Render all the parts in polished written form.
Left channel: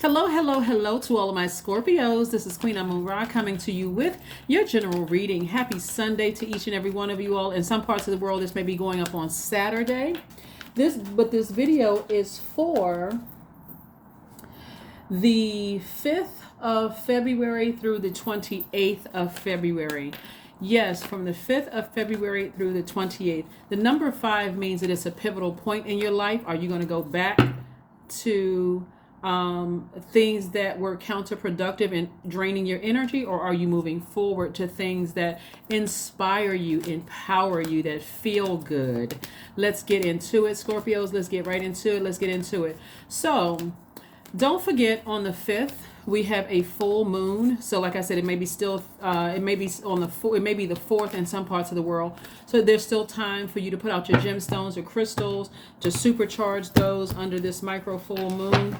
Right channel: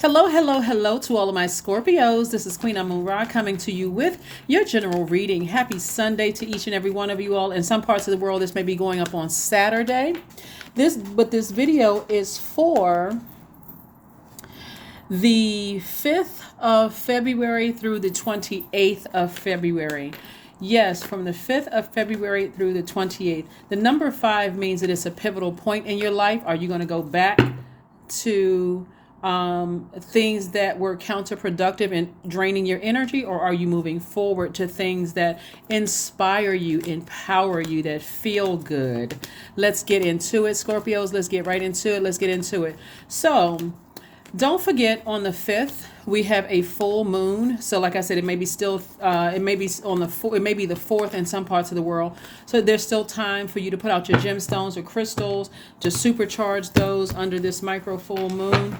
Hello, hello, hello to all of my Scorpios. This is Queen Amun Ra coming to you with your general reading. Happy Sunday to each and every one of you all. In some parts of the world, this may be going up on Saturday. This video is for the 5th of February through the 28th of February. Yes, from the 5th of February through the 28th. The number 5 means that it's a pivotal point in your life. Are you going to go back to things that were counterproductive and draining your energy, or are you moving forward to things that inspire you, empower you, that feel good? Let's get into it, Scorpios. Let's get right into it. Let's get into it. So don't forget, on the 5th we have a full moon. So like I said, it may be still it may be on it may be the 4th in some parts of the world. So there's still time for you to put out your gemstones or crystals to supercharge those under this micro full moon.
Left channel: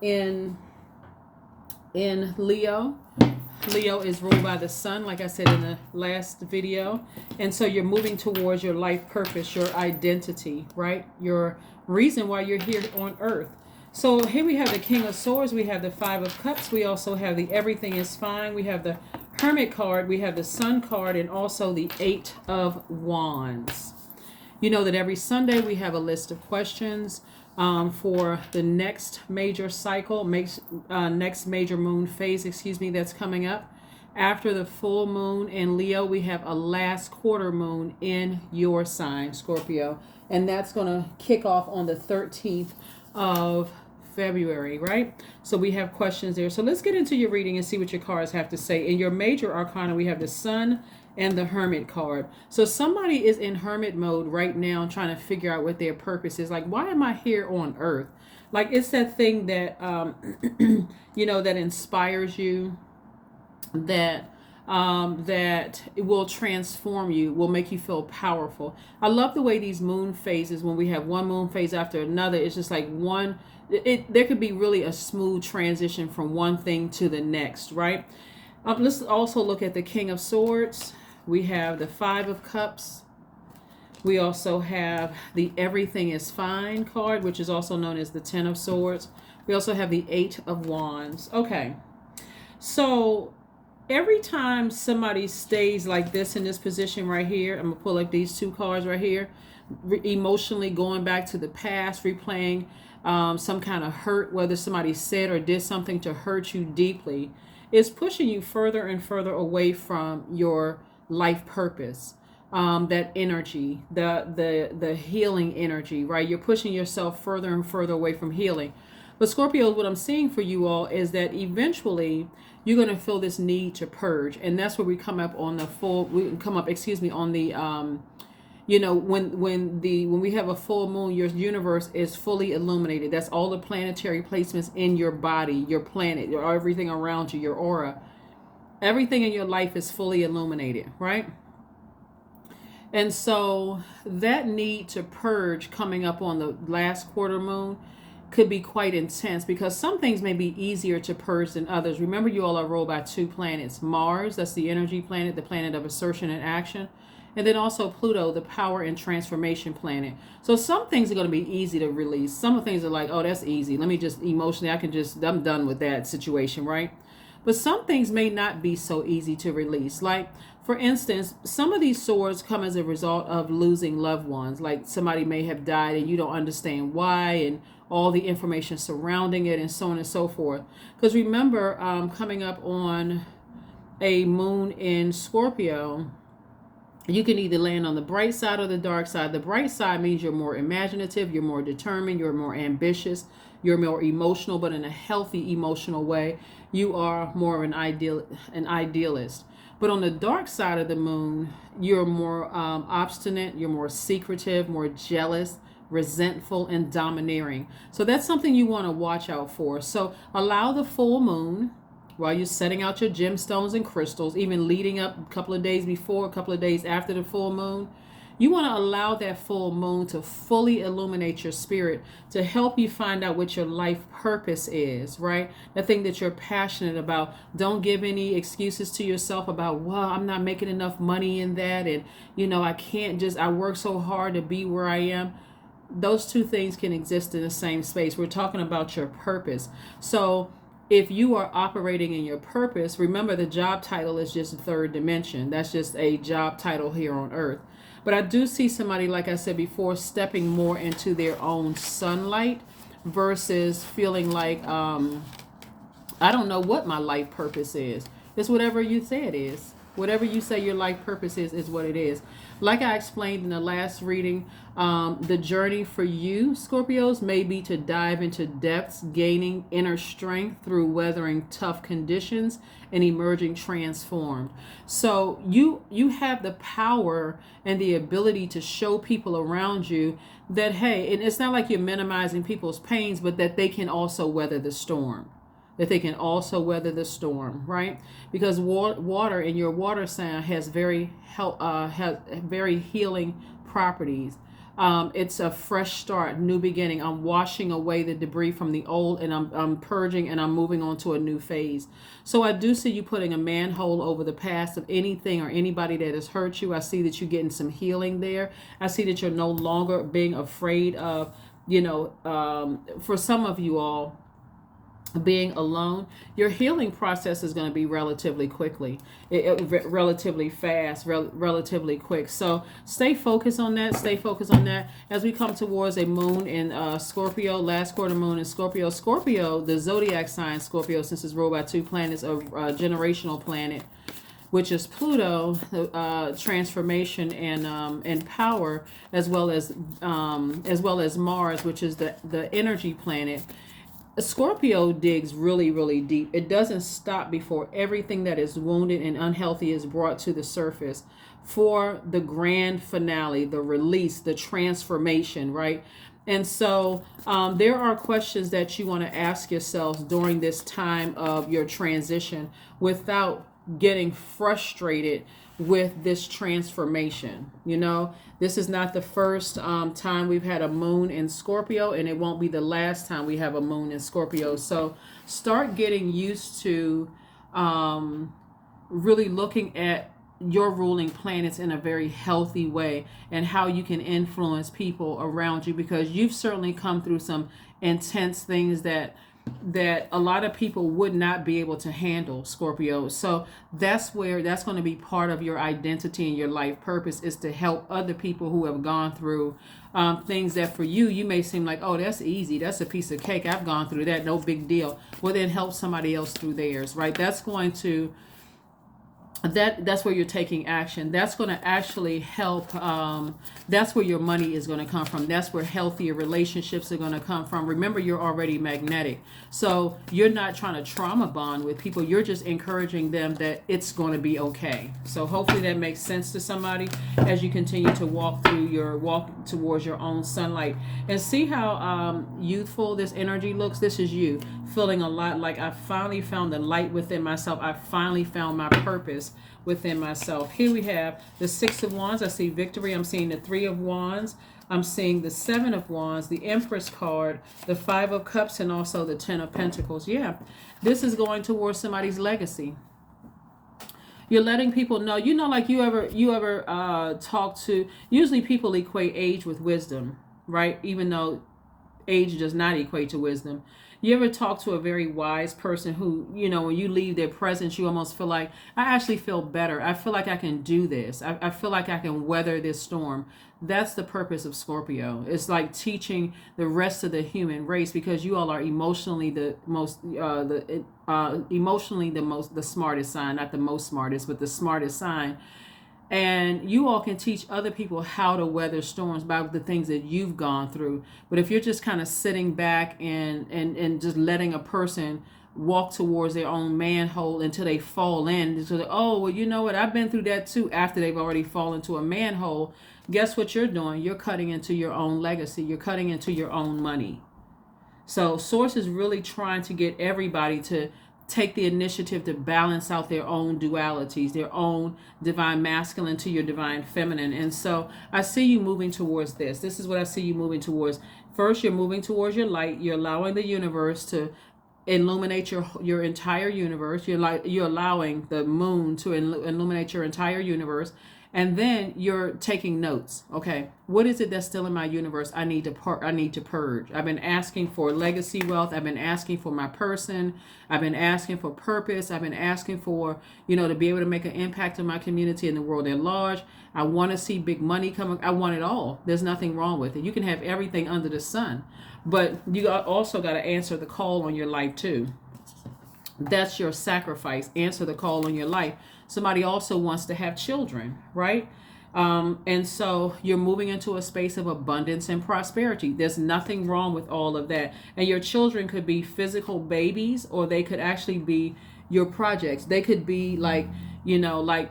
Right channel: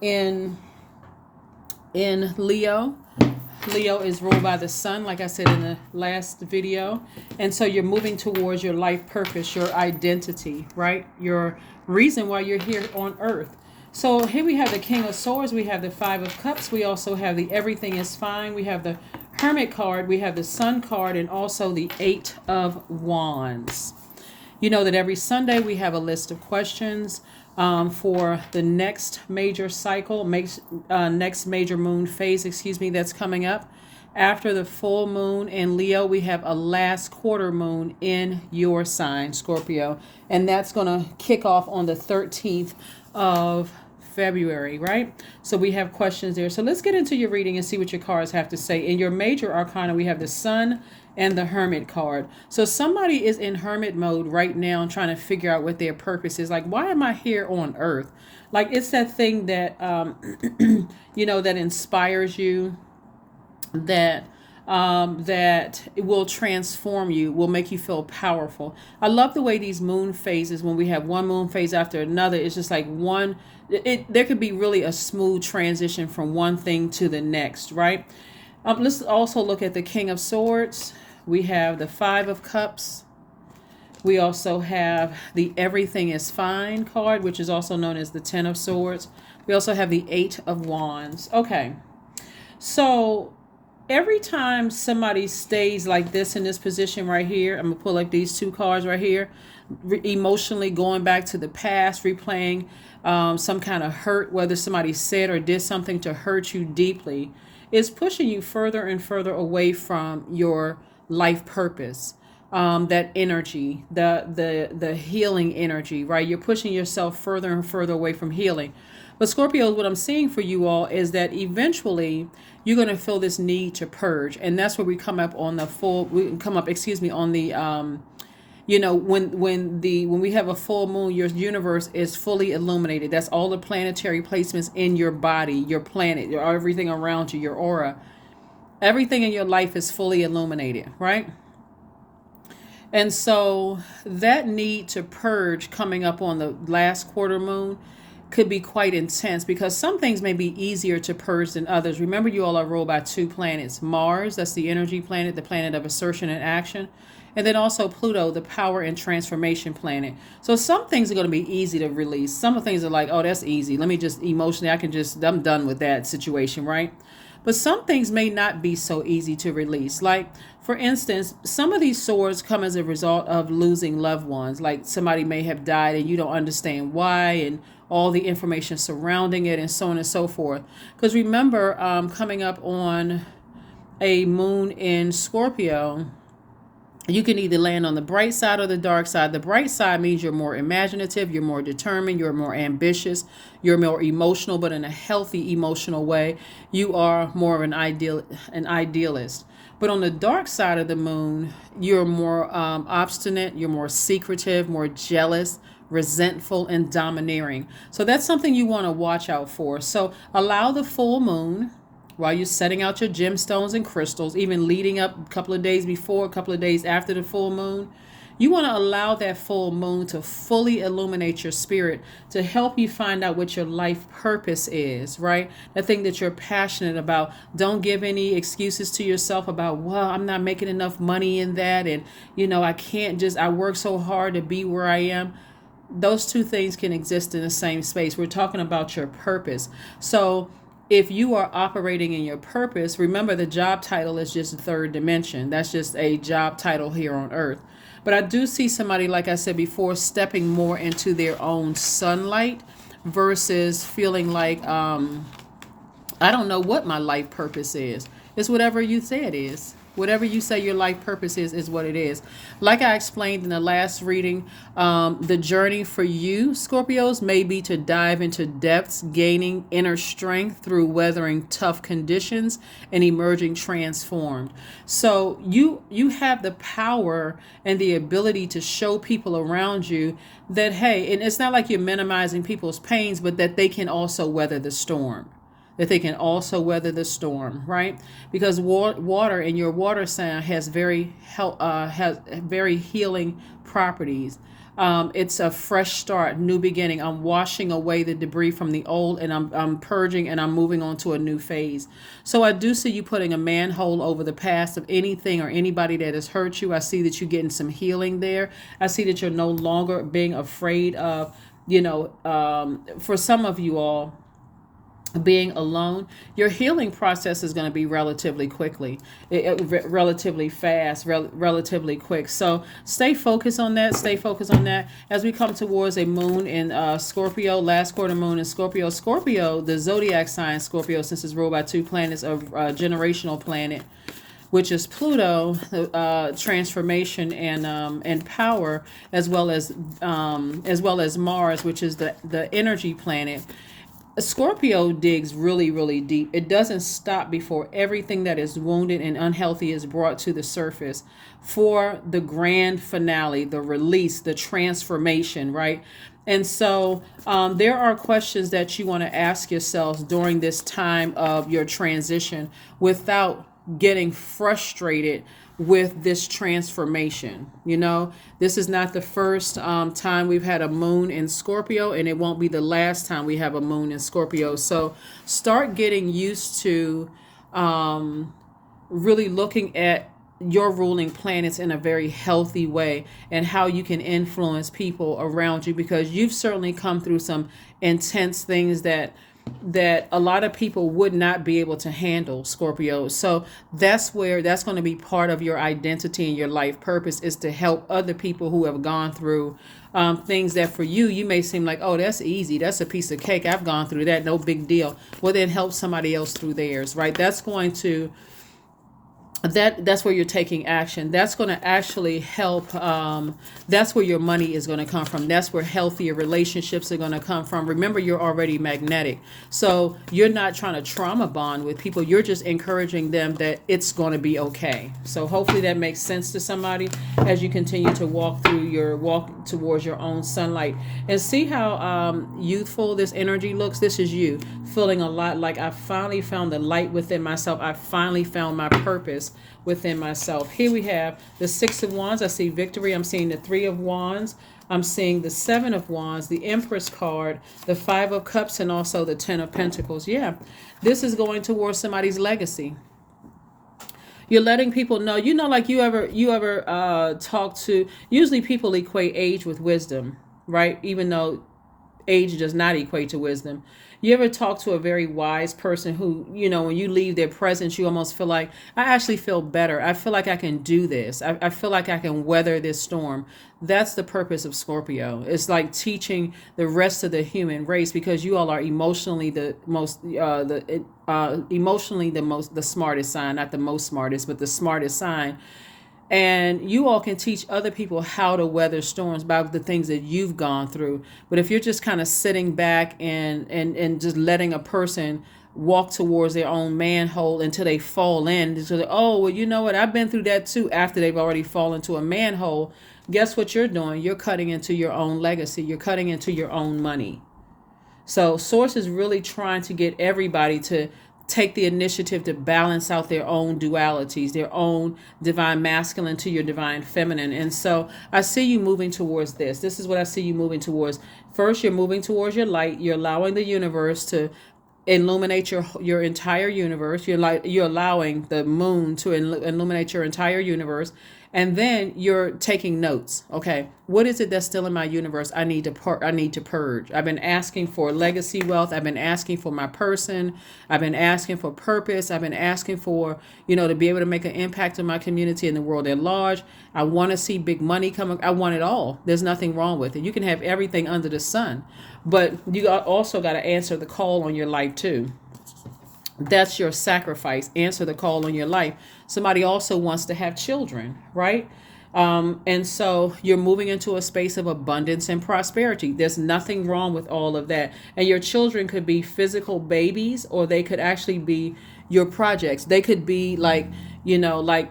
In Leo. Leo is ruled by the sun, like I said in the last video. And so you're moving towards your life purpose, your identity, right? Your reason why you're here on earth. So here we have the King of Swords, we have the Five of Cups, we also have the Everything is Fine, we have the Hermit card, we have the Sun card, and also the Eight of Wands. You know that every Sunday we have a list of questions for the next major cycle, next major moon phase, that's coming up. After the full moon in Leo, we have a last quarter moon in your sign, Scorpio. And that's going to kick off on the 13th of February, right? So we have questions there. So let's get into your reading and see what your cards have to say. In your major arcana, we have the Sun and the Hermit card. So somebody is in hermit mode right now, trying to figure out what their purpose is. Like, why am I here on earth? Like, it's that thing that that inspires you, that it will transform you, will make you feel powerful. I love the way these moon phases, when we have one moon phase after another, it's just like there could be really a smooth transition from one thing to the next, right? Let's also look at the King of Swords. We have the Five of Cups. We also have the Everything is Fine card, which is also known as the Ten of Swords. We also have the Eight of Wands. Okay. So every time somebody stays like this in this position right here, I'm going to pull like these two cards right here, emotionally going back to the past, replaying some kind of hurt, whether somebody said or did something to hurt you deeply, is pushing you further and further away from your life purpose. That energy, the healing energy, right? You're pushing yourself further and further away from healing. But Scorpio, what I'm seeing for you all is that eventually you're going to feel this need to purge, and that's where we come up on the on the when we have a full moon, your universe is fully illuminated. That's all the planetary placements in your body, your planet, everything around you, your aura. Everything in your life is fully illuminated, right? And so that need to purge coming up on the last quarter moon could be quite intense, because some things may be easier to purge than others. Remember, you all are ruled by two planets. Mars, that's the energy planet, the planet of assertion and action. And then also Pluto, the power and transformation planet. So some things are going to be easy to release. Some things are like, oh, that's easy. Let me just emotionally, I'm done with that situation, right? But some things may not be so easy to release. Like, for instance, some of these swords come as a result of losing loved ones. Like, somebody may have died and you don't understand why, and all the information surrounding it, and so on and so forth. Because remember, coming up on a moon in Scorpio, you can either land on the bright side or the dark side. The bright side means you're more imaginative, you're more determined, you're more ambitious, you're more emotional, but in a healthy emotional way. You are more of an idealist. But on the dark side of the moon, you're more obstinate, you're more secretive, more jealous, resentful, and domineering. So that's something you want to watch out for. So allow the full moon, while you're setting out your gemstones and crystals, even leading up a couple of days before, a couple of days after the full moon, you want to allow that full moon to fully illuminate your spirit, to help you find out what your life purpose is, right? The thing that you're passionate about. Don't give any excuses to yourself about, well, I'm not making enough money in that, and I work so hard to be where I am. Those two things can exist in the same space. We're talking about your purpose. So if you are operating in your purpose, remember the job title is just the third dimension. That's just a job title here on earth. But I do see somebody, like I said before, stepping more into their own sunlight versus feeling like, I don't know what my life purpose is. It's whatever you say it is. Whatever you say your life purpose is what it is. Like I explained in the last reading, the journey for you, Scorpios, may be to dive into depths, gaining inner strength through weathering tough conditions and emerging transformed. So you have the power and the ability to show people around you that, hey, and it's not like you're minimizing people's pains, but that they can also weather the storm. That they can also weather the storm, right? Because water in your water sign has very healing properties. It's a fresh start, new beginning. I'm washing away the debris from the old, and I'm purging, and I'm moving on to a new phase. So I do see you putting a manhole over the past of anything or anybody that has hurt you. I see that you're getting some healing there. I see that you're no longer being afraid of, for some of you all, being alone. Your healing process is going to be relatively relatively fast, relatively quick. So stay focused on that. Stay focused on that as we come towards a moon in Scorpio, last quarter moon in Scorpio. Scorpio, the zodiac sign Scorpio, since it's ruled by two planets, a generational planet, which is Pluto, transformation and power, as well as Mars, which is the energy planet. Scorpio digs really, really deep. It doesn't stop before everything that is wounded and unhealthy is brought to the surface for the grand finale, the release, the transformation, right? And so there are questions that you want to ask yourselves during this time of your transition without getting frustrated with this transformation. This is not the first time we've had a moon in Scorpio, and it won't be the last time we have a moon in Scorpio. So start getting used to really looking at your ruling planets in a very healthy way and how you can influence people around you, because you've certainly come through some intense things that a lot of people would not be able to handle, Scorpio. So that's going to be part of your identity and your life purpose, is to help other people who have gone through things that for you may seem like, oh, that's easy, that's a piece of cake, I've gone through that, no big deal. Well, then help somebody else through theirs, right? That's where you're taking action. That's going to actually help. That's where your money is going to come from. That's where healthier relationships are going to come from. Remember, you're already magnetic. So you're not trying to trauma bond with people. You're just encouraging them that it's going to be okay. So hopefully that makes sense to somebody as you continue to walk towards your own sunlight, and see how youthful this energy looks. This is you feeling a lot like, I finally found the light within myself. I finally found my purpose within myself. Here we have the Six of Wands. I see victory. I'm seeing the Three of Wands. I'm seeing the Seven of Wands, the Empress card, the Five of Cups, and also the Ten of Pentacles. Yeah, this is going towards somebody's legacy. You're letting people know, like you ever talk to, usually people equate age with wisdom, right? Even though age does not equate to wisdom. You ever talk to a very wise person who, when you leave their presence, you almost feel like, I actually feel better. I feel like I can do this. I feel like I can weather this storm. That's the purpose of Scorpio. It's like teaching the rest of the human race, because you all are emotionally the smartest sign, not the most smartest, but the smartest sign. And you all can teach other people how to weather storms by the things that you've gone through. But if you're just kind of sitting back and just letting a person walk towards their own manhole until they fall in, so that, oh, well, you know what, I've been through that too, after they've already fallen into a manhole, guess what you're doing? You're cutting into your own legacy. You're cutting into your own money. So Source is really trying to get everybody to take the initiative to balance out their own dualities, their own divine masculine to your divine feminine. And so I see you moving towards this. This is what I see you moving towards. First, you're moving towards your light. You're allowing the universe to illuminate your entire universe. You're allowing the moon to illuminate your entire universe. And then you're taking notes. Okay, what is it that's still in my universe? I need to purge. I've been asking for legacy wealth. I've been asking for my person. I've been asking for purpose. I've been asking for, to be able to make an impact in my community and the world at large. I want to see big money coming. I want it all. There's nothing wrong with it. You can have everything under the sun, but you also got to answer the call on your life too. That's your sacrifice. Answer the call on your life. Somebody also wants to have children, right? And so you're moving into a space of abundance and prosperity. There's nothing wrong with all of that. And your children could be physical babies, or they could actually be your projects. They could be like, like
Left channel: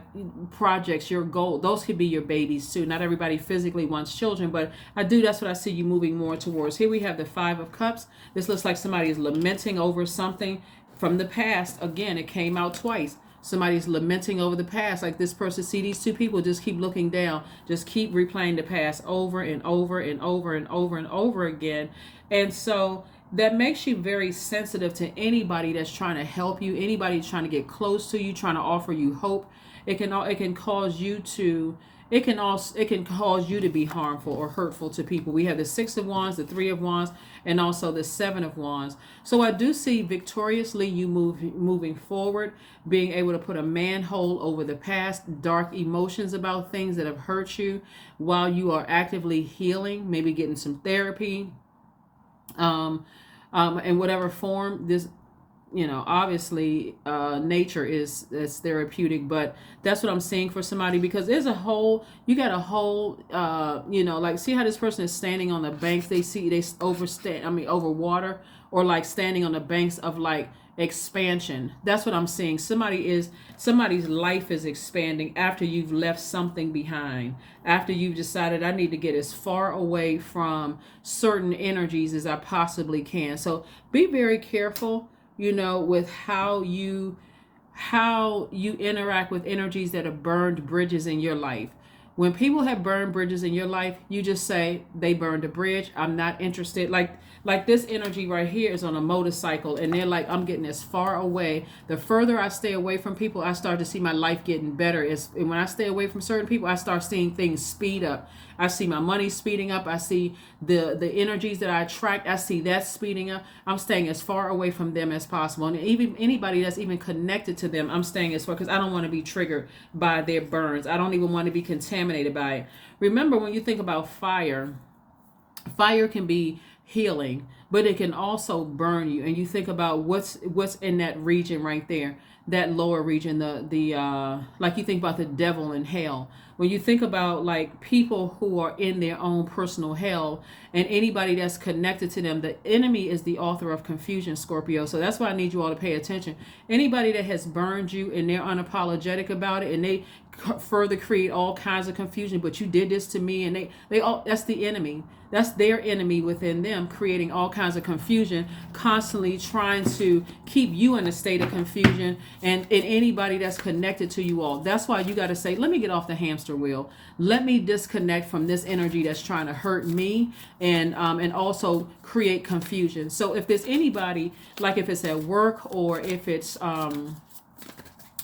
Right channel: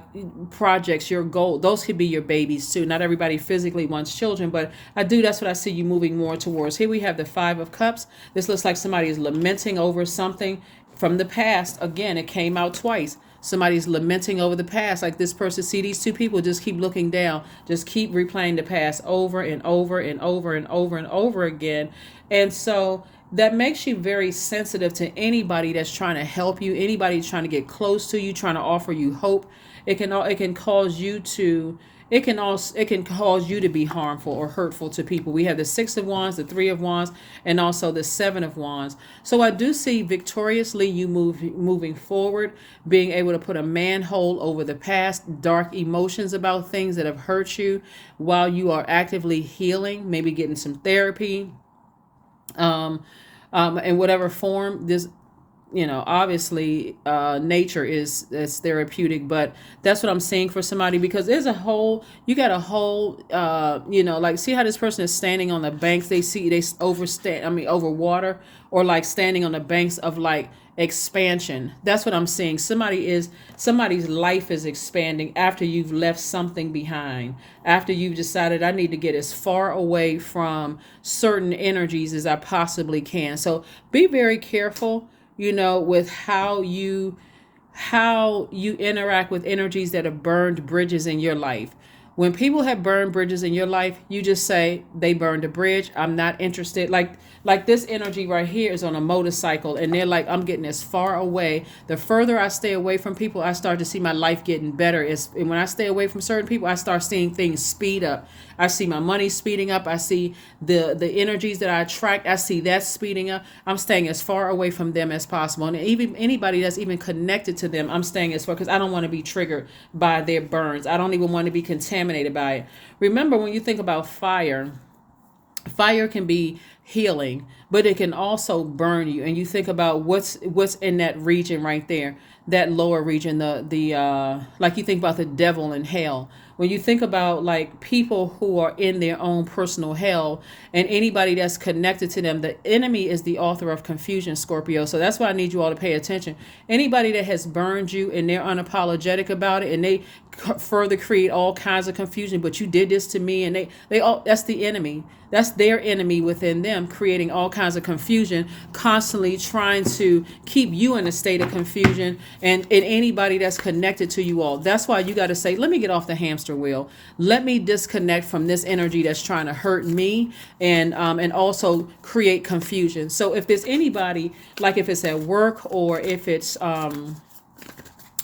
projects, your goal. Those could be your babies too. Not everybody physically wants children, but that's what I see you moving more towards. Here we have the Five of Cups. This looks like somebody is lamenting over something from the past. Again, it came out twice. Somebody's lamenting over the past. Like this person, see these two people just keep looking down, just keep replaying the past over and over and over and over and over again. And so that makes you very sensitive to anybody that's trying to help you, anybody trying to get close to you, trying to offer you hope. It can cause you to it can cause you to be harmful or hurtful to people. We have the Six of Wands, the Three of Wands, and also the Seven of Wands. So I do see victoriously you moving forward, being able to put a manhole over the past, dark emotions about things that have hurt you while you are actively healing, maybe getting some therapy, in whatever form. This, obviously nature is therapeutic, but that's what I'm saying for somebody, because there's you got a whole like, see how this person is standing on the banks, they over water, or like standing on the banks of like expansion. That's what I'm seeing. Somebody's life is expanding after you've left something behind, after you've decided I need to get as far away from certain energies as I possibly can. So be very careful, with how you interact with energies that have burned bridges in your life. When people have burned bridges in your life, you just say, they burned a bridge. I'm not interested. Like this energy right here is on a motorcycle, and they're like, I'm getting as far away. The further I stay away from people, I start to see my life getting better. And when I stay away from certain people, I start seeing things speed up. I see my money speeding up. I see the energies that I attract. I see that speeding up. I'm staying as far away from them as possible. And even anybody that's even connected to them, I'm staying as far, because I don't want to be triggered by their burns. I don't even want to be contaminated by it. Remember, when you think about fire can be healing, but it can also burn you. And you think about what's in that region right there, that lower region, the like you think about the devil in hell. When you think about like people who are in their own personal hell, and anybody that's connected to them, the enemy is the author of confusion, Scorpio. So that's why I need you all to pay attention. Anybody that has burned you and they're unapologetic about it, and they further create all kinds of confusion, but you did this to me, and they all, that's the enemy. That's their enemy within them, creating all kinds of confusion, constantly trying to keep you in a state of confusion, and anybody that's connected to you all. That's why you got to say, let me get off the hamster wheel. Let me disconnect from this energy that's trying to hurt me, and also create confusion. So if there's anybody, like if it's at work, or if it's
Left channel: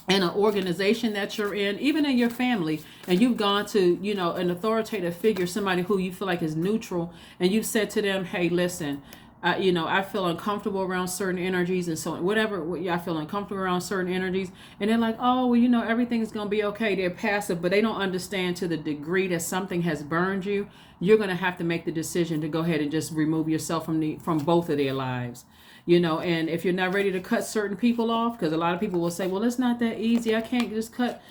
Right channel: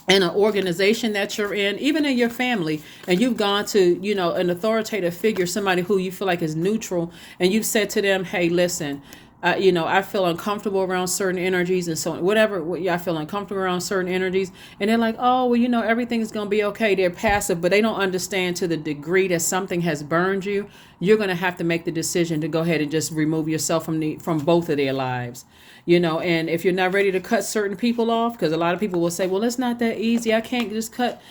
in an organization that you're in, even in your family, and you've gone to, an authoritative figure, somebody who you feel like is neutral, and you've said to them, hey, listen, I feel uncomfortable around certain energies, and so whatever, I feel uncomfortable around certain energies, and they're like, oh, well, everything's going to be okay. They're passive, but they don't understand to the degree that something has burned you. You're going to have to make the decision to go ahead and just remove yourself from both of their lives. And if you're not ready to cut certain people off, because a lot of people will say, well, it's not that easy. I can't just cut,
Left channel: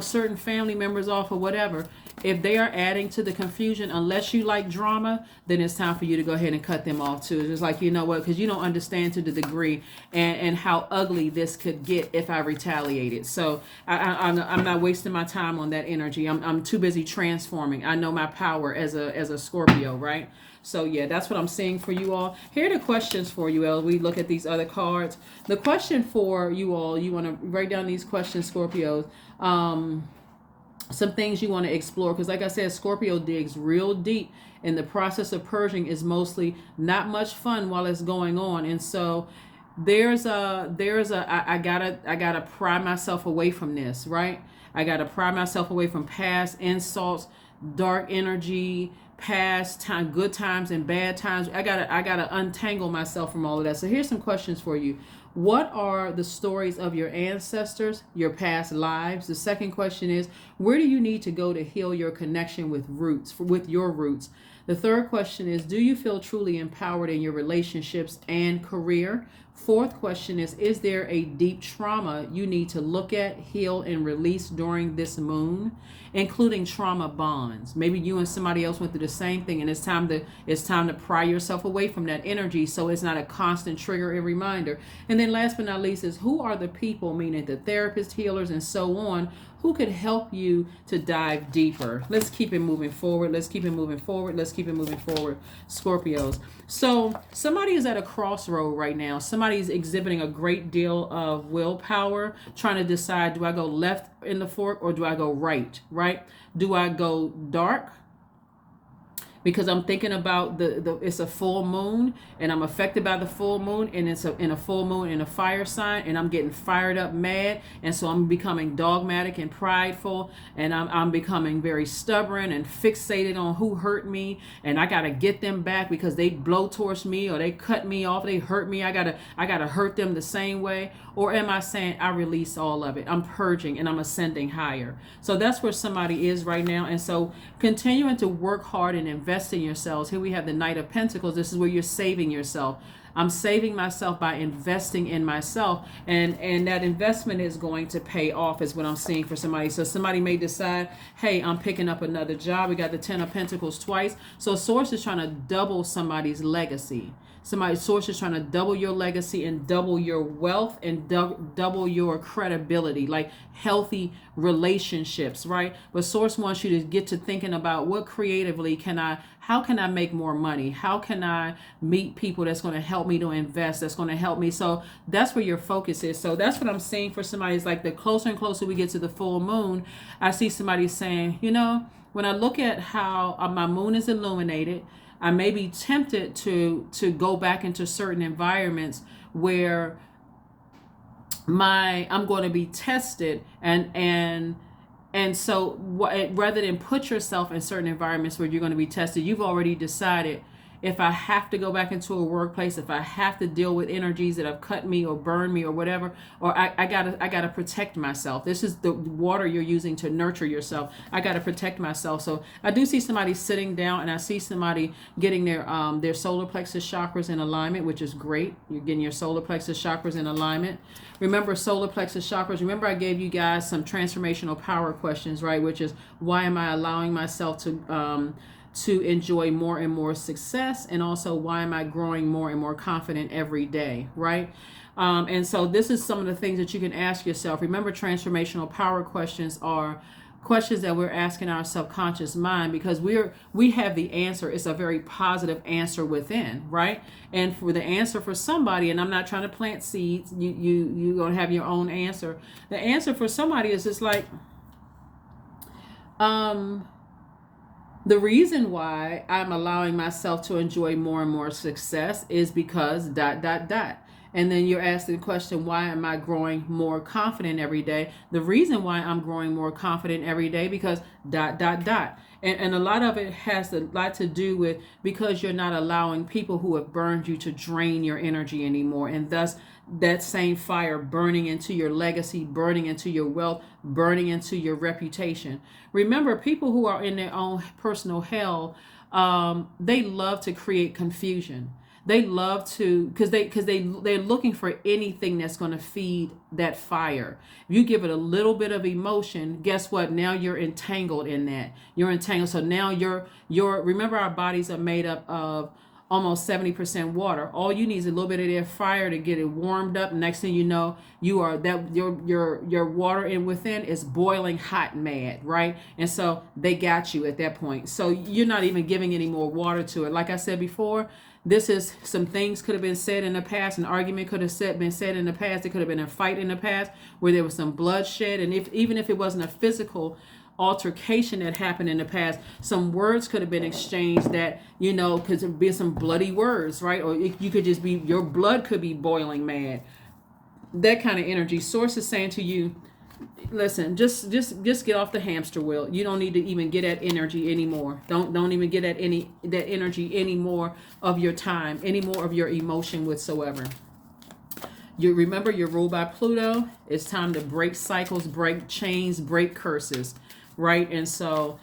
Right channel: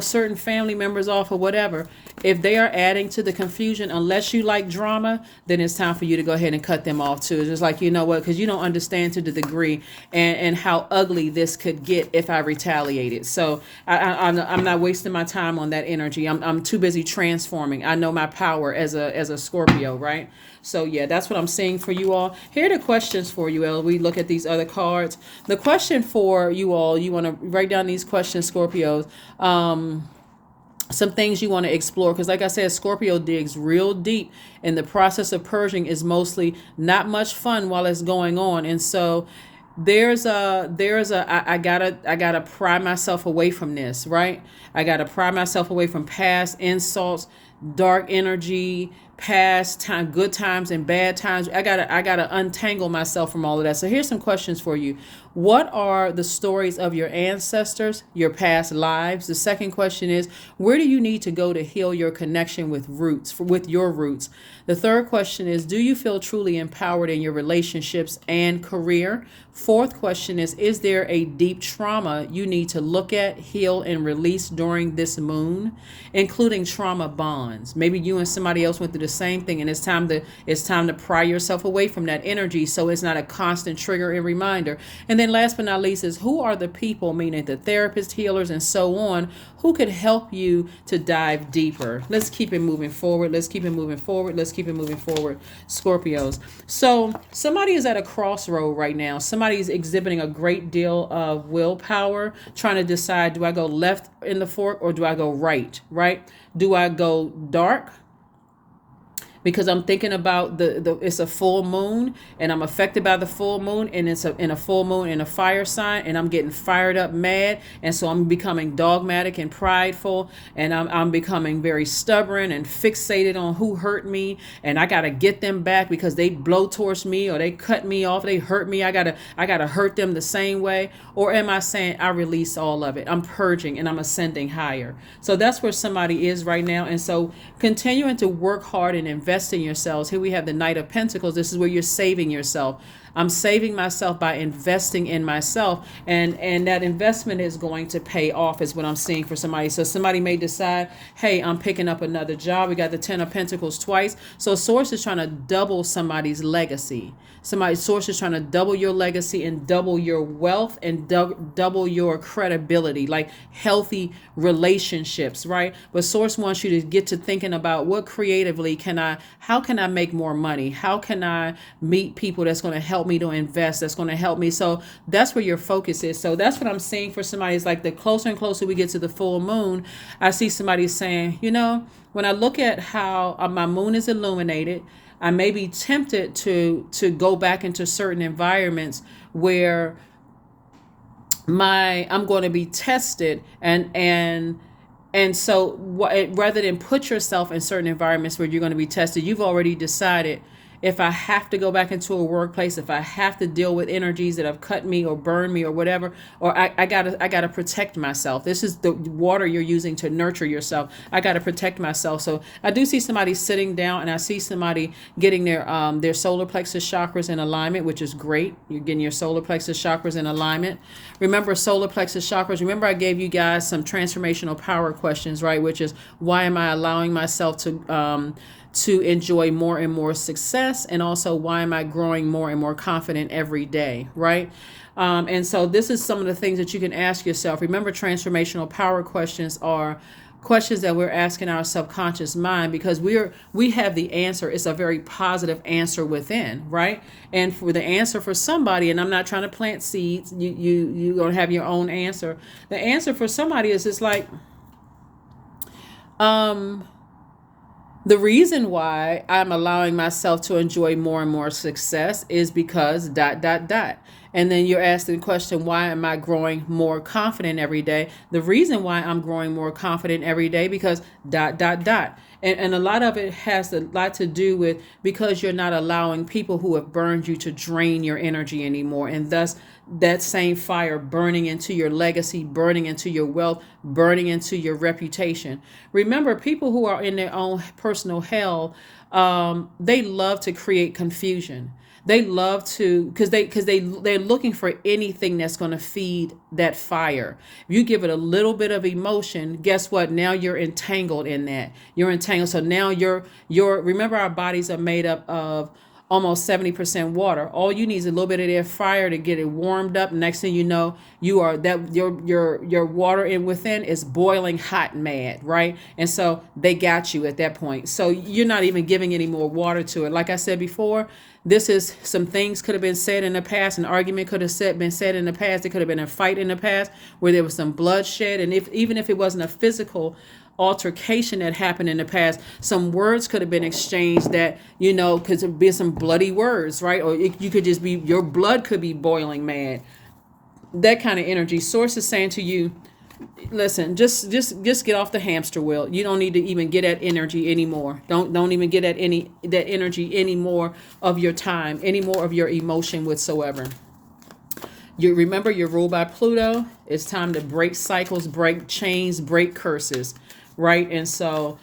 certain family members off or whatever. If they are adding to the confusion, unless you like drama, then it's time for you to go ahead and cut them off too. It's just like, because you don't understand to the degree and how ugly this could get if I retaliated. So I'm not wasting my time on that energy. I'm too busy transforming. I know my power as a Scorpio, right? So yeah, that's what I'm saying for you all. Here are the questions for you as we look at these other cards. The question for you all, you want to write down these questions, Scorpios. Some things you want to explore, because like I said, Scorpio digs real deep, and the process of purging is mostly not much fun while it's going on. And so I gotta pry myself away from this, right? I gotta pry myself away from past insults, dark energy, past time, good times and bad times. I gotta untangle myself from all of that. So here's some questions for you. What are the stories of your ancestors, your past lives? The second question is, where do you need to go to heal your connection with with your roots? The third question is, do you feel truly empowered in your relationships and career? Fourth question is there a deep trauma you need to look at, heal, and release during this moon, including trauma bonds? Maybe you and somebody else went through the same thing, and it's time to pry yourself away from that energy so it's not a constant trigger and reminder. And then last but not least is, who are the people, meaning the therapists, healers, and so on, who could help you to dive deeper? Let's keep it moving forward. Let's keep it moving forward. Let's keep it moving forward, Scorpios. So somebody is at a crossroad right now. Somebody is exhibiting a great deal of willpower, trying to decide, do I go left in the fork or do I go right? Do I go dark? Because I'm thinking about the it's a full moon and I'm affected by the full moon, and it's in a full moon in a fire sign, and I'm getting fired up mad, and so I'm becoming dogmatic and prideful, and I'm becoming very stubborn and fixated on who hurt me, and I gotta get them back because they blow towards me or they cut me off, they hurt me, I gotta hurt them the same way. Or am I saying I release all of it, I'm purging and I'm ascending higher? So that's where somebody is right now. And so continuing to work hard and invest in yourselves. Here we have the Knight of Pentacles. This is where you're saving yourself. I'm saving myself by investing in myself, and that investment is going to pay off, is what I'm seeing for somebody. So somebody may decide, hey, I'm picking up another job. We got the Ten of Pentacles twice. So source is trying to double somebody's legacy. Somebody's source is trying to double your legacy and double your wealth and double your credibility, like healthy relationships, right? But source wants you to get to thinking about, what creatively how can I make more money? How can I meet people that's going to help me to invest, that's going to help me? So that's where your focus is. So that's what I'm seeing for somebody. Is like, the closer and closer we get to the full moon, I see somebody saying, when I look at how my moon is illuminated, I may be tempted to go back into certain environments where I'm going to be tested, and so rather than put yourself in certain environments where you're going to be tested, you've already decided, if I have to go back into a workplace, if I have to deal with energies that have cut me or burned me or whatever, or I gotta protect myself. This is the water you're using to nurture yourself. I gotta protect myself. So I do see somebody sitting down, and I see somebody getting their solar plexus chakras in alignment, which is great. You're getting your solar plexus chakras in alignment. Remember solar plexus chakras. Remember I gave you guys some transformational power questions, right? Which is, why am I allowing myself to enjoy more and more success, and also, why am I growing more and more confident every day, right? And so this is some of the things that you can ask yourself. Remember, transformational power questions are questions that we're asking our subconscious mind, because we have the answer. It's a very positive answer within, right? And for the answer for somebody, and I'm not trying to plant seeds, you're gonna have your own answer. The answer for somebody is just like, the reason why I'm allowing myself to enjoy more and more success is because ... And then you're asking the question, why am I growing more confident every day? The reason why I'm growing more confident every day, because ... And a lot of it has a lot to do with, because you're not allowing people who have burned you to drain your energy anymore. And thus that same fire burning into your legacy, burning into your wealth, burning into your reputation. Remember, people who are in their own personal hell, they love to create confusion. They love to, because they're looking for anything that's going to feed that fire. If you give it a little bit of emotion, guess what? Now you're entangled in that. You're entangled. So now remember, our bodies are made up of almost 70% water. All you need is a little bit of their fire to get it warmed up. Next thing you know, your water in within is boiling hot mad, right? And so they got you at that point. So you're not even giving any more water to it. Like I said before, this is, some things could have been said in the past. An argument could have been said in the past. There could have been a fight in the past where there was some bloodshed. And even if it wasn't a physical altercation that happened in the past. Some words could have been exchanged that, because there be some bloody words, right? Or you could just be, your blood could be boiling mad. That kind of energy. Source is saying to you, listen, just get off the hamster wheel. You don't need to even get that energy anymore. Don't even get that energy anymore of your time, any more of your emotion whatsoever. You remember, you're ruled by Pluto. It's time to break cycles, break chains, break curses, right? And so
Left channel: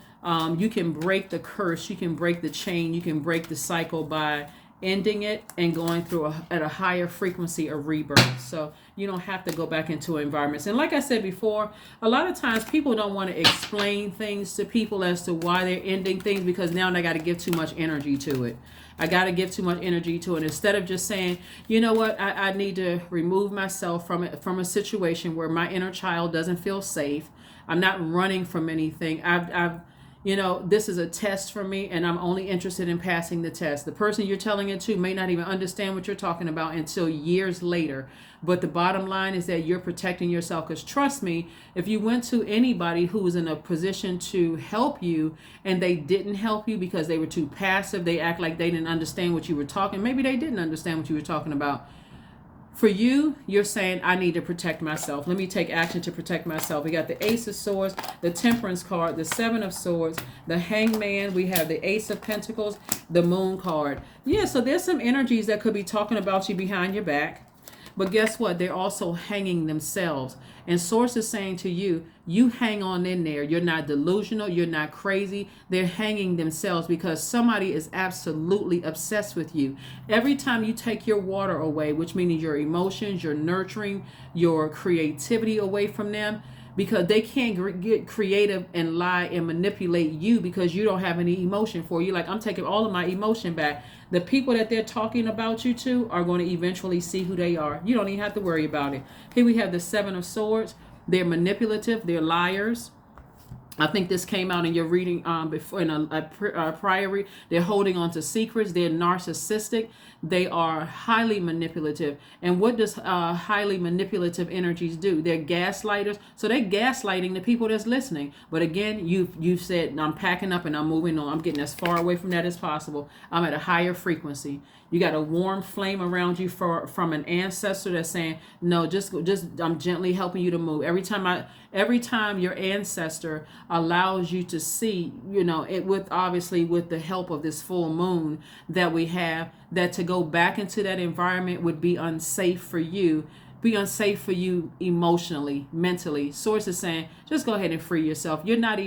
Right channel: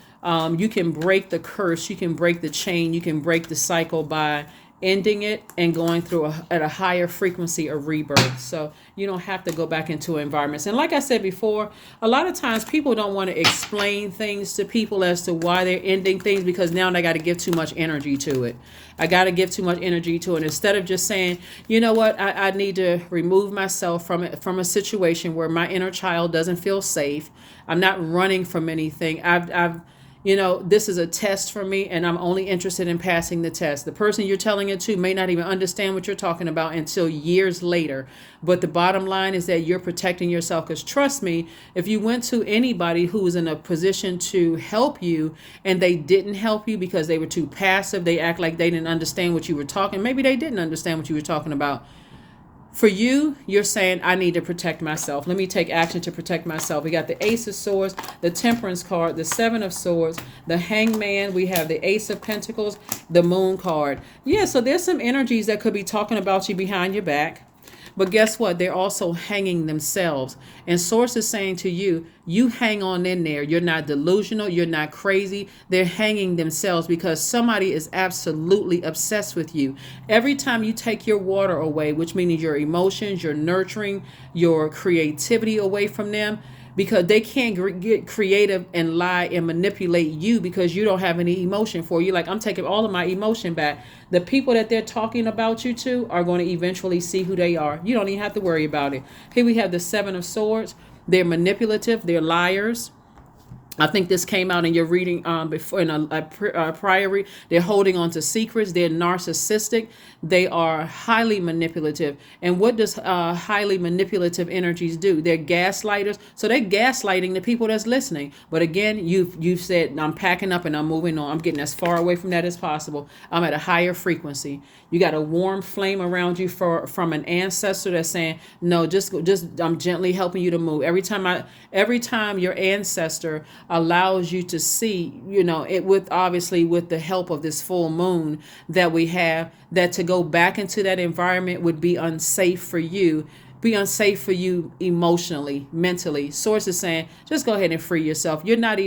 you can break the curse, you can break the chain, you can break the cycle by ending it and going through at a higher frequency of rebirth. So you don't have to go back into environments. And like I said before, a lot of times people don't want to explain things to people as to why they're ending things, because now they got to give too much energy to it. I got to give too much energy to it. Instead of just saying, you know what, I need to remove myself from a situation where my inner child doesn't feel safe. I'm not running from anything. This is a test for me, and I'm only interested in passing the test. The person you're telling it to may not even understand what you're talking about until years later. But the bottom line is that you're protecting yourself, because trust me, if you went to anybody who was in a position to help you and they didn't help you because they were too passive, they act like they didn't understand what you were talking. Maybe they didn't understand what you were talking about. For you, you're saying, I need to protect myself. Let me take action to protect myself. We got the Ace of Swords, the Temperance card, the Seven of Swords, the Hangman. We have the Ace of Pentacles, the Moon card. Yeah, so there's some energies that could be talking about you behind your back. But guess what? They're also hanging themselves. And Source is saying to you, you hang on in there. You're not delusional. You're not crazy. They're hanging themselves because somebody is absolutely obsessed with you. Every time you take your water away, which means your emotions, your nurturing, your creativity away from them, because they can't get creative and lie and manipulate you because you don't have any emotion for you. Like, I'm taking all of my emotion back. The people that they're talking about you to are going to eventually see who they are. You don't even have to worry about it. Here we have the Seven of Swords. They're manipulative. They're liars. I think this came out in your reading before in a prior read. They're holding on to secrets. They're narcissistic. They are highly manipulative. And what does highly manipulative energies do? They're gaslighters. So they're gaslighting the people that's listening. But again, you've said, I'm packing up and I'm moving on. I'm getting as far away from that as possible. I'm at a higher frequency. You got a warm flame around you from an ancestor that's saying, no, just I'm gently helping you to move. Every time your ancestor allows you to see, it with the help of this full moon that we have, that to go back into that environment would be unsafe for you. Be unsafe for you emotionally, mentally. Source is saying, just go ahead and free yourself. You're not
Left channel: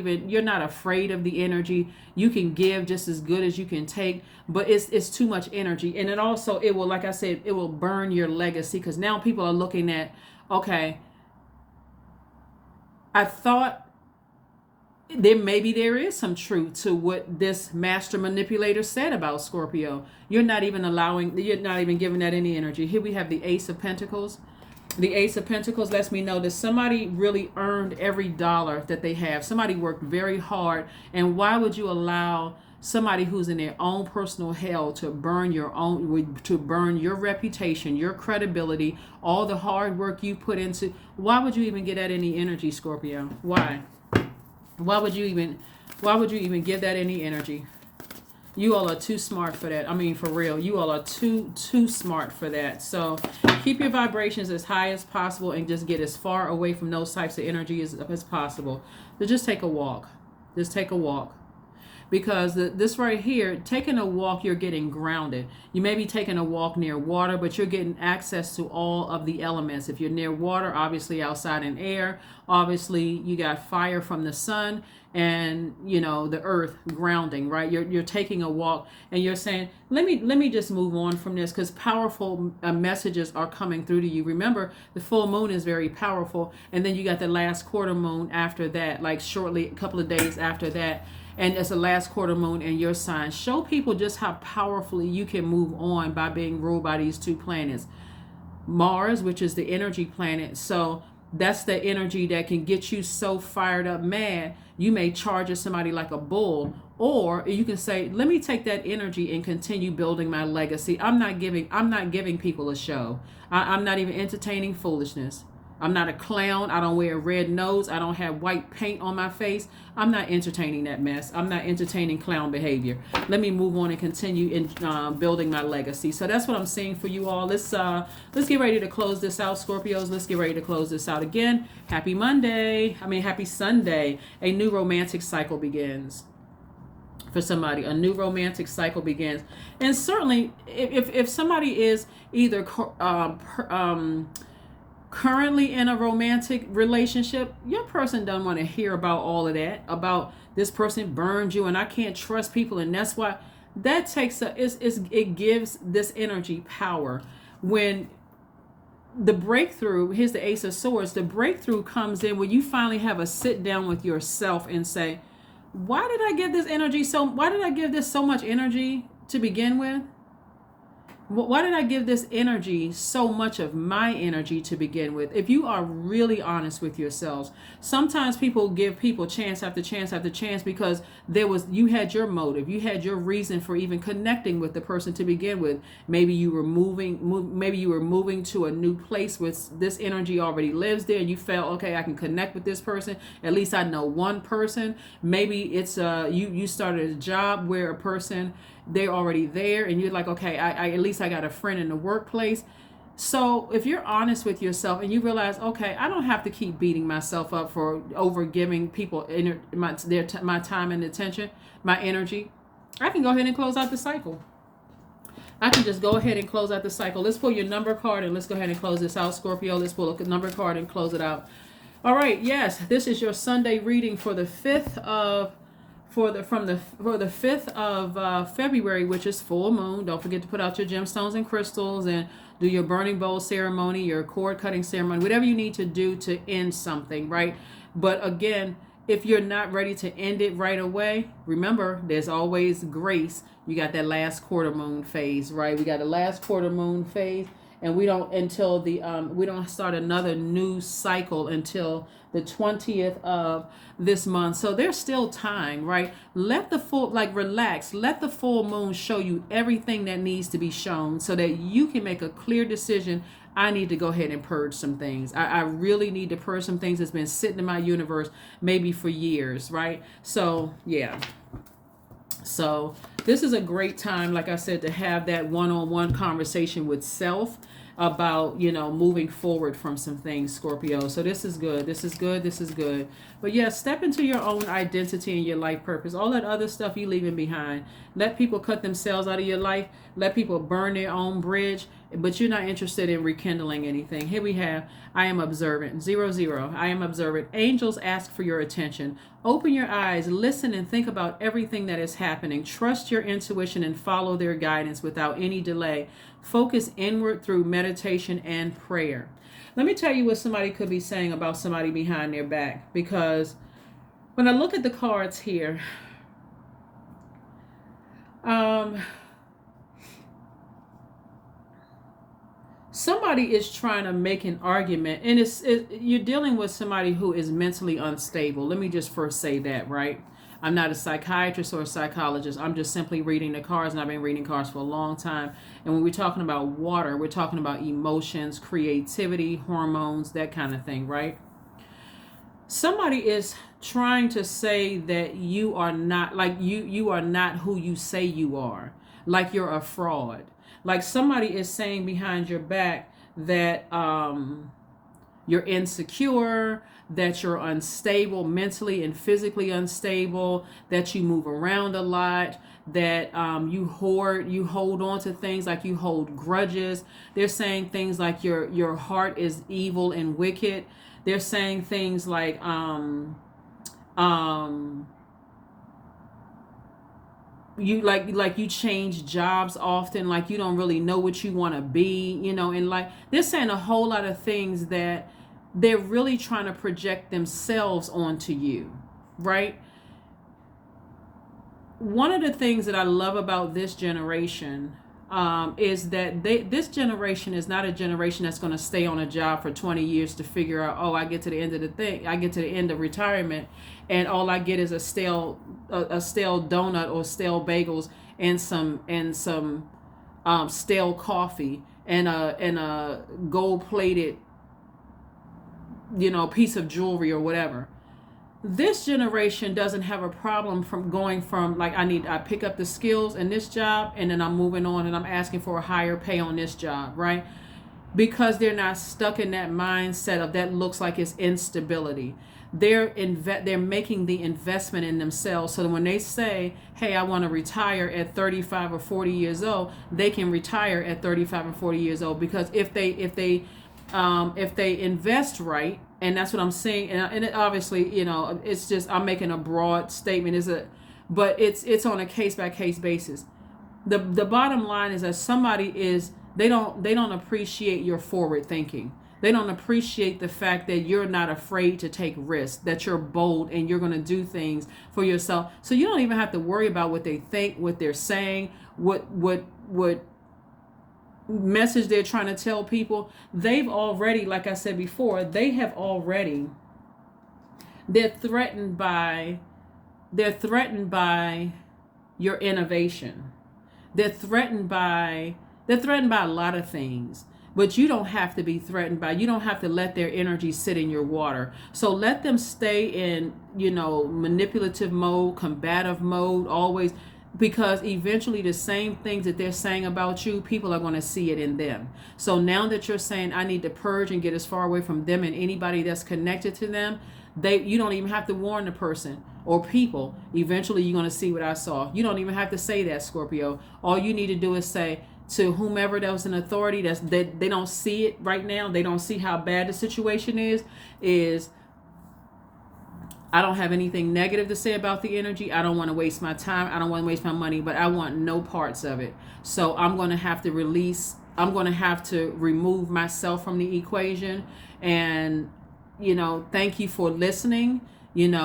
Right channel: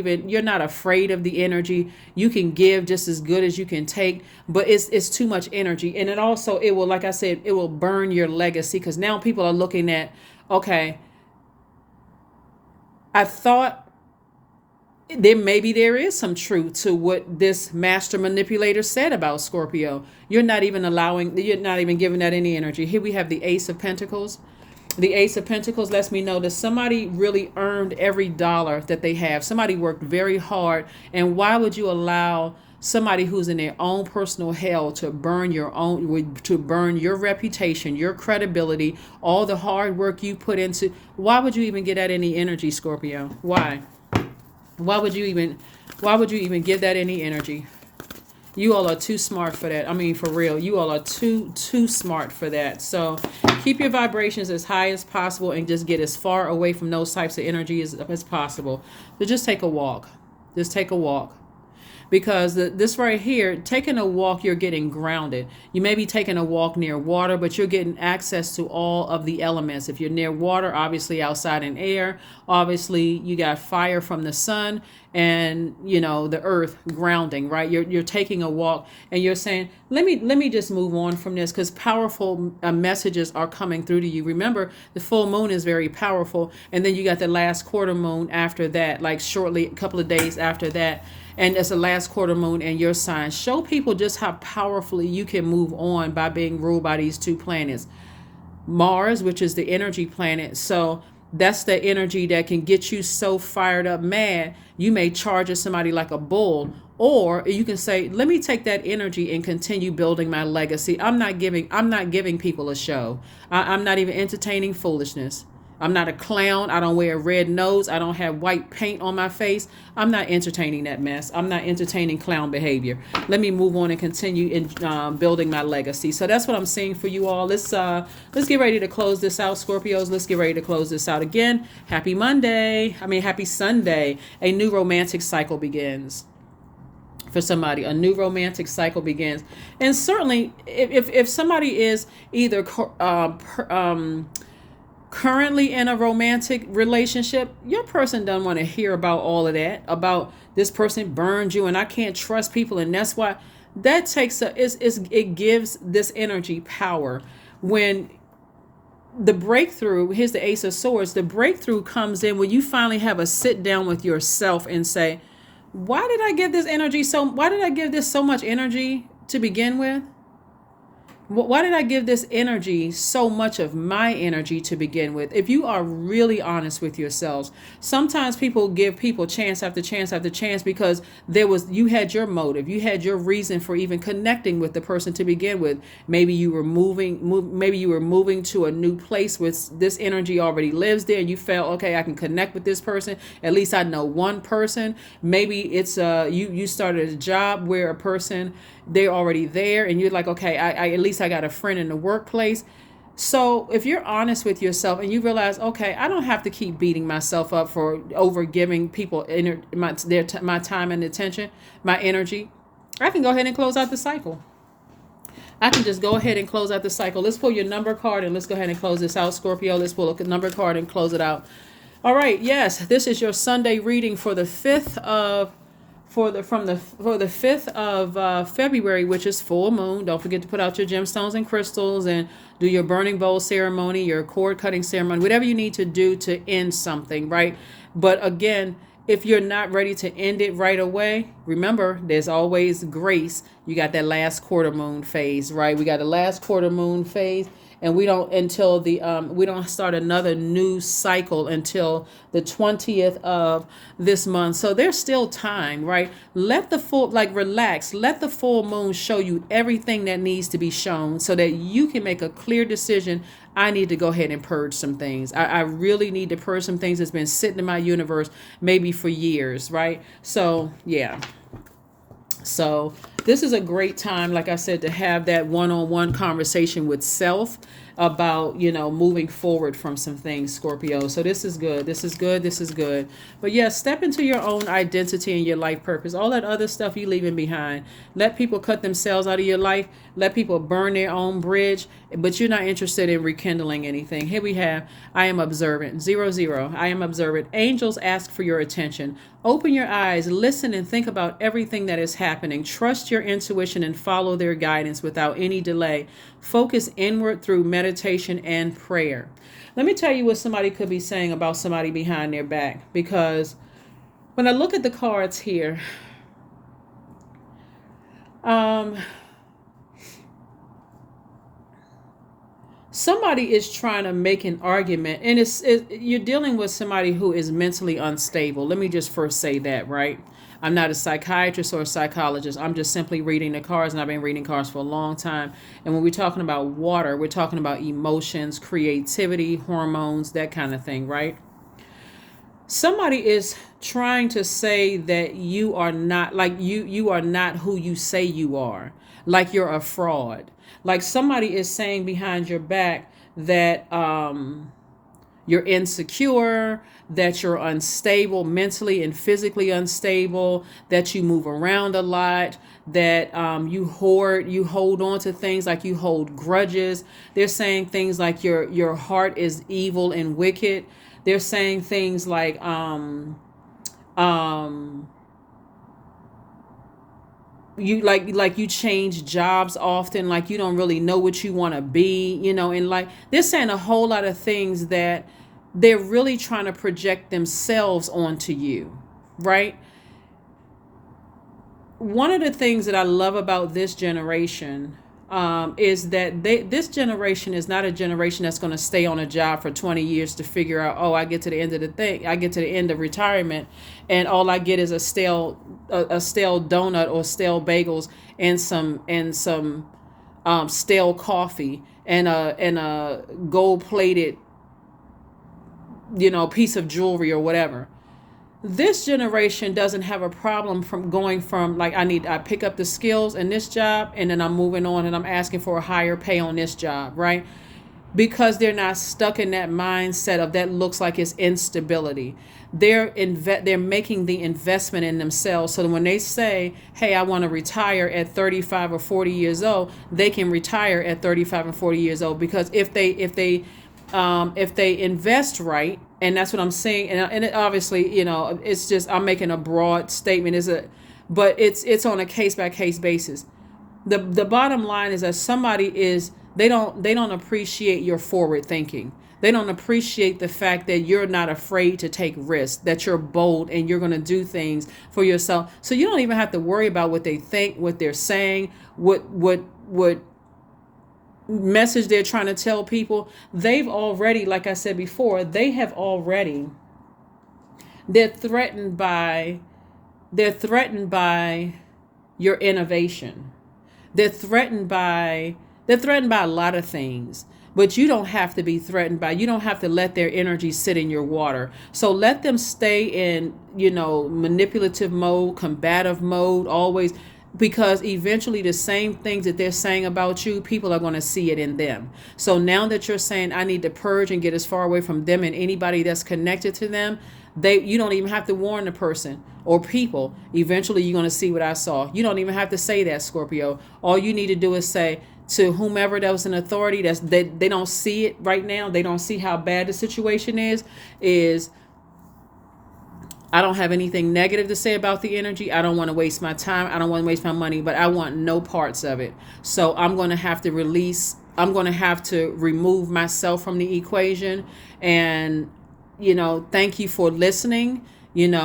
afraid of the energy. You can give just as good as you can take, but it's too much energy. And it will, like I said, it will burn your legacy, because now people are looking at, okay, I thought there is some truth to what this master manipulator said about Scorpio. You're not even giving that any energy. Here we have the Ace of Pentacles. The Ace of Pentacles lets me know that somebody really earned every dollar that they have. Somebody worked very hard. And why would you allow somebody who's in their own personal hell to burn your reputation, your credibility, all the hard work you put into? Why would you even get that any energy, Scorpio? Why would you even give that any energy? You all are too smart for that. I mean, for real, you all are too smart for that. So keep your vibrations as high as possible and just get as far away from those types of energy as possible. So just take a walk. Just take a walk. Because this right here, taking a walk, you're getting grounded. You may be taking a walk near water, but you're getting access to all of the elements. If you're near water, obviously outside in air, obviously you got fire from the sun and the earth grounding, right? You're taking a walk and you're saying, let me just move on from this, because powerful messages are coming through to you. Remember, the full moon is very powerful, and then you got the last quarter moon after that, like shortly, a couple of days after that. And it's the last quarter moon in your sign. Show people just how powerfully you can move on by being ruled by these two planets. Mars, which is the energy planet. So that's the energy that can get you so fired up, mad, you may charge at somebody like a bull. Or you can say, let me take that energy and continue building my legacy. I'm not giving people a show. I'm not even entertaining foolishness. I'm not a clown. I don't wear a red nose. I don't have white paint on my face. I'm not entertaining that mess. I'm not entertaining clown behavior. Let me move on and continue in building my legacy. So that's what I'm seeing for you all. Let's get ready to close this out, Scorpios. Let's get ready to close this out again. Happy Monday. Happy Sunday. A new romantic cycle begins. For somebody, a new romantic cycle begins. And certainly if somebody is either currently in a romantic relationship, your person doesn't want to hear about all of that, about this person burned you and I can't trust people, and that's why that takes it gives this energy power. When the breakthrough, here's the Ace of Swords, the breakthrough comes in when you finally have a sit down with yourself and say, why did I give this so much energy to begin with? Why did I give this energy so much of my energy to begin with? If you are really honest with yourselves, sometimes people give people chance after chance after chance because you had your motive, you had your reason for even connecting with the person to begin with. Maybe you were moving to a new place with this energy already lives there, and you felt, okay, I can connect with this person. At least I know one person. Maybe it's you started a job where a person, they're already there and you're like, okay, I at least I got a friend in the workplace. So if you're honest with yourself and you realize, okay, I don't have to keep beating myself up for over giving people my time and attention, my energy, I can go ahead and close out the cycle. I can just go ahead and close out the cycle. Let's pull your number card and let's go ahead and close this out, Scorpio. Let's pull a number card and close it out. All right, yes, this is your Sunday reading for the 5th of for the 5th of February, which is full moon. Don't forget to put out your gemstones and crystals and do your burning bowl ceremony, your cord cutting ceremony, whatever you need to do to end something, right? But again, if you're not ready to end it right away, remember, there's always grace. You got that last quarter moon phase, right? We got the last quarter moon phase, and we don't start another new cycle until the 20th of this month. So there's still time, right? Relax. Let the full moon show you everything that needs to be shown so that you can make a clear decision. I need to go ahead and purge some things. I really need to purge some things that's been sitting in my universe maybe for years, right? So, yeah. So this is a great time, like I said, to have that one-on-one conversation with self about, moving forward from some things, Scorpio. So this is good. This is good. This is good. But yeah, step into your own identity and your life purpose. All that other stuff you leaving behind. Let people cut themselves out of your life. Let people burn their own bridge. But you're not interested in rekindling anything. Here we have, I am observant. 00. I am observant. Angels ask for your attention. Open your eyes, listen, and think about everything that is happening. Trust your intuition and follow their guidance without any delay. Focus inward through meditation and prayer. Let me tell you what somebody could be saying about somebody behind their back, because when I look at the cards here, somebody is trying to make an argument, and you're dealing with somebody who is mentally unstable. Let me just first say that, right? I'm not a psychiatrist or a psychologist. I'm just simply reading the cards, and I've been reading cards for a long time. And when we're talking about water, we're talking about emotions, creativity, hormones, that kind of thing, right? Somebody is trying to say that you are not, like you are not who you say you are, like you're a fraud. Like somebody is saying behind your back that you're insecure, that you're unstable, mentally and physically unstable, that you move around a lot, that you hold on to things, like you hold grudges. They're saying things like your heart is evil and wicked. They're saying things like you change jobs often, like you don't really know what you want to be, and like they're saying a whole lot of things that they're really trying to project themselves onto you, right? One of the things that I love about this generation is that this generation is not a generation that's going to stay on a job for 20 years to figure out, oh, I get to the end of the thing, I get to the end of retirement, and all I get is a stale donut or stale bagels and some stale coffee and a gold plated piece of jewelry or whatever. This generation doesn't have a problem from going from like I pick up the skills in this job and then I'm moving on and I'm asking for a higher pay on this job, right? Because they're not stuck in that mindset of that looks like it's instability. They're making the investment in themselves so that when they say, hey, I want to retire at 35 or 40 years old, they can retire at 35 and 40 years old. Because if they invest right, and that's what I'm saying, and it obviously, it's just I'm making a broad statement, but it's on a case by case basis. The bottom line is that they don't appreciate your forward thinking. They don't appreciate the fact that you're not afraid to take risks, that you're bold and you're going to do things for yourself. So you don't even have to worry about what they think, what they're saying, what message they're trying to tell people. They've already, like I said before, they're threatened by your innovation. They're threatened by a lot of things, but you don't have to be threatened by. You don't have to let their energy sit in your water. So let them stay in, manipulative mode, combative mode, always, because eventually the same things that they're saying about you, people are going to see it in them. So now that you're saying I need to purge and get as far away from them and anybody that's connected to them, you don't even have to warn the person or people. Eventually you're going to see what I saw. You don't even have to say that, Scorpio. All you need to do is say to whomever that was in authority, they don't see it right now, they don't see how bad the situation is I don't have anything negative to say about the energy. I don't want to waste my time. I don't want to waste my money, but I want no parts of it. So I'm going to have to remove myself from the equation. And, thank you for listening. If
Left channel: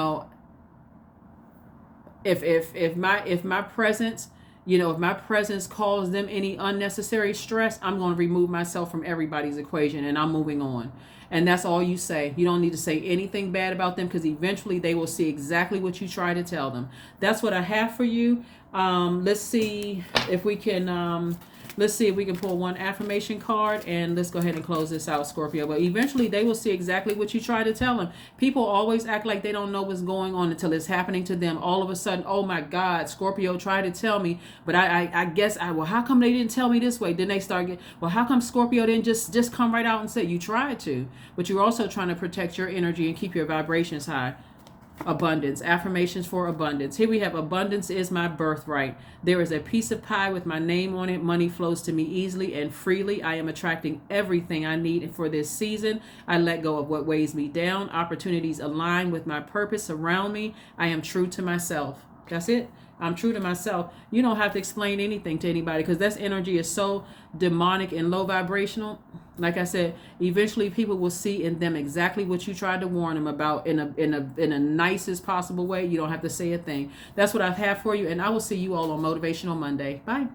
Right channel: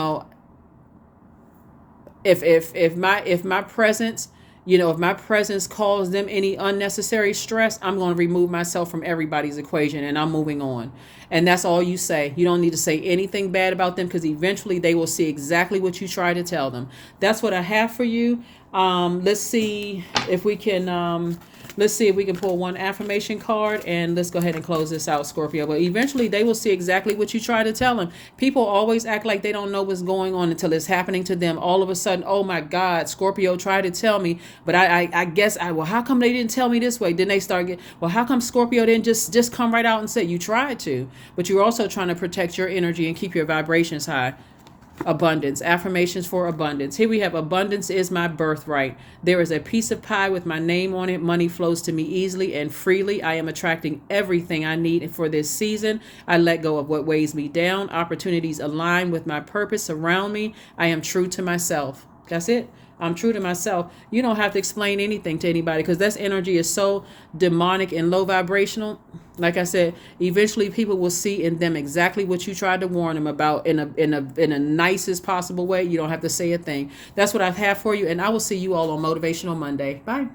my presence, if my presence causes them any unnecessary stress, I'm going to remove myself from everybody's equation and I'm moving on. And that's all you say. You don't need to say anything bad about them because eventually they will see exactly what you try to tell them. That's what I have for you. Let's see if we can pull one affirmation card, and let's go ahead and close this out, Scorpio. But eventually they will see exactly what you try to tell them. People always act like they don't know what's going on until it's happening to them. All of a sudden, oh my God, Scorpio tried to tell me, but I guess well, how come they didn't tell me this way? Then they start well, how come Scorpio didn't just come right out and say you tried to, but you're also trying to protect your energy and keep your vibrations high. Abundance. Affirmations for abundance. Here we have abundance is my birthright. There is a piece of pie with my name on it. Money flows to me easily and freely. I am attracting everything I need for this season. I let go of what weighs me down. Opportunities align with my purpose around me. I am true to myself. That's it. I'm true to myself. You don't have to explain anything to anybody because that energy is so demonic and low vibrational. Like I said, eventually people will see in them exactly what you tried to warn them about in a nicest possible way. You don't have to say a thing. That's what I have for you, and I will see you all on Motivational Monday. Bye.